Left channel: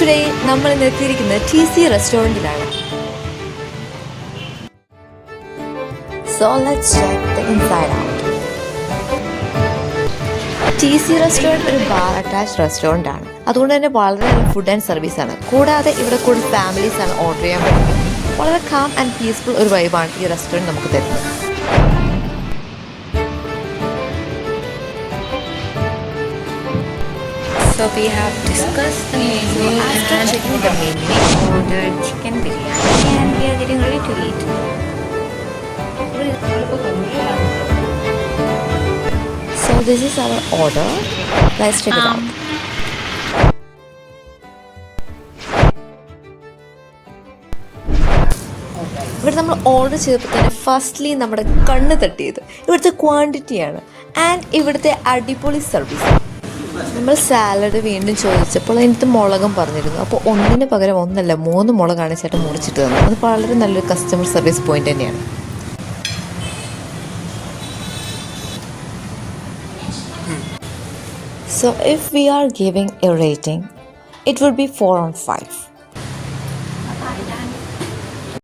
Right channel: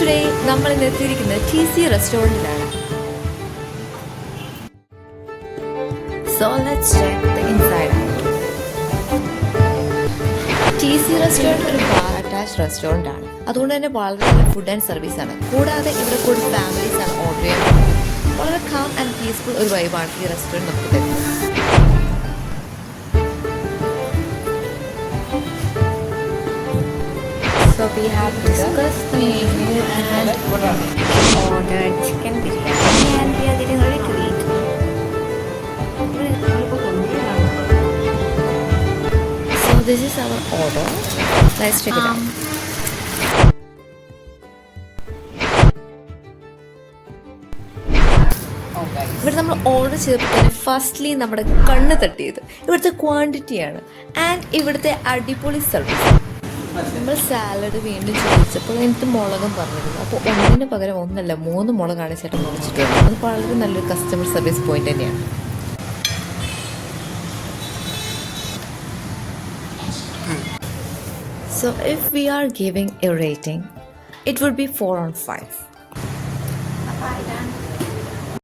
Today, നമ്മൾ നിർത്തിയിരിക്കുന്നത് TC റെസ്റ്റോറൻറ്റിലാണ്. So let's check the inside out. TC restaurant ഒരു bar attached restaurant ആണ്. അതുകൊണ്ട് തന്നെ വളരെ നല്ല ഫുഡ് ആൻഡ് സർവീസ് ആണ്. കൂടാതെ ഇവിടെ കൂടുതൽ ഫാമിലീസ് ആണ് ഓർഡർ ചെയ്യാൻ പറ്റുന്നത്. വളരെ കാം ആൻഡ് പീസ്ഫുൾ ഒരു വൈബാണ് ഈ റെസ്റ്റോറൻറ്റ് നമുക്ക് തരുന്നത്. So we have discussed the menu and checking the menu on our chicken biryani and we are getting ready to eat. So this is our order. Let's check it out. ഇവിടെ നമ്മൾ order ചെയ്തപ്പോൾ firstly നമ്മുടെ കണ്ണ് തട്ടിയത് ഇവിടുത്തെ ക്വാണ്ടിറ്റിയാണ് and ഇവിടുത്തെ അടിപൊളി service. നമ്മൾ salad വീണ്ടും ചോദിച്ചപ്പോൾ എനിക്ക് മുളകും പറഞ്ഞിരുന്നു. അപ്പോൾ ഒന്നിന് പകരം ഒന്നല്ല 3 മുളകാണ് ചേട്ടൻ മുറിച്ചിട്ട് തന്നത്. അത് വളരെ നല്ലൊരു കസ്റ്റമർ സർവീസ് പോയിന്റ് തന്നെയാണ്. So if we are giving a rating, it would be 4 on 5.